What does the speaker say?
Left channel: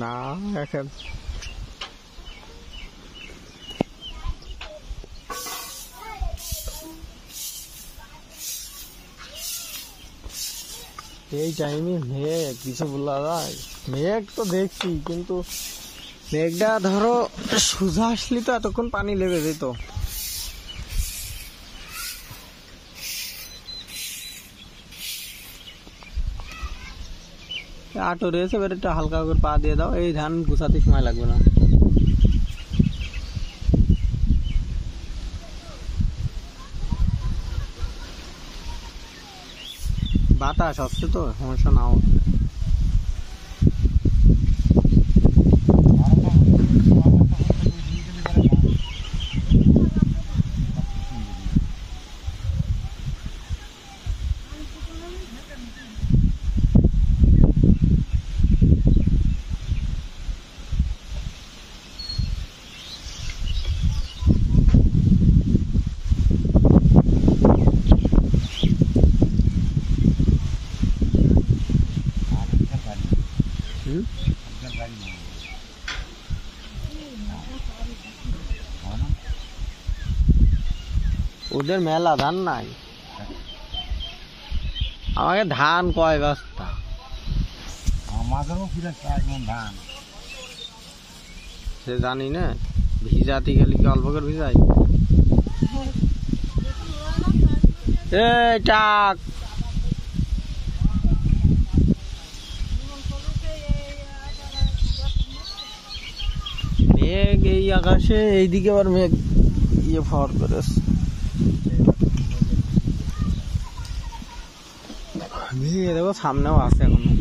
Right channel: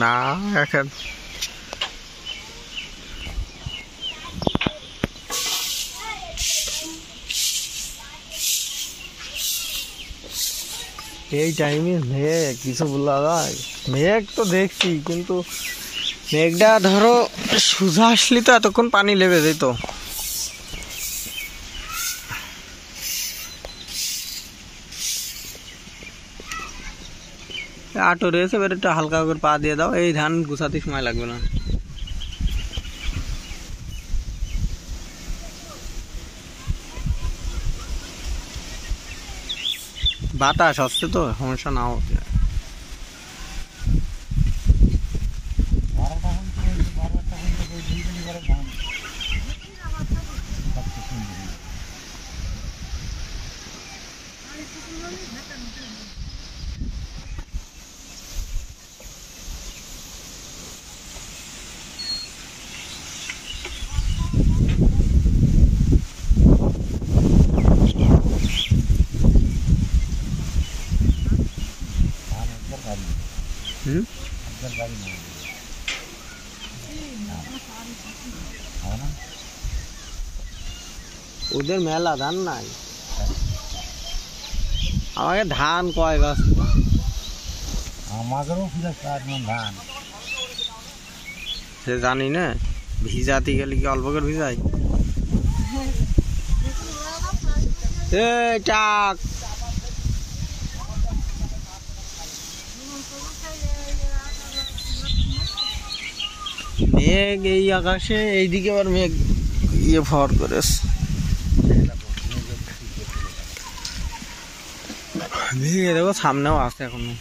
না এখন এই টাইমে মেঘ কিছু বলা যায়। মেঘ তো দেখছি, কিন্তু মেঘটা ধরো সোজা আসলি তো এতক্ষণ পানি লেগে যেত। আটো রয়েছে, এবার একটু হালকা করে পা দিয়ে দাও, এই ধান গুছাতে সময় লাগবে না। বাতাস আসছে তো, সমস্যা নাও হতে পারে। ওদের মেলা ধান নাই, আমাকে ধান কয় বস্তা, আমাদেরও ধান সে জানি না। ভিজাতে গেলে কি অল্প করে ভিজাই? টাক মেঘ এই আকাশে, এইদিকে আবার মেঘ ইয়ে ফর করে দেখো, সামনেও আছে এখনো।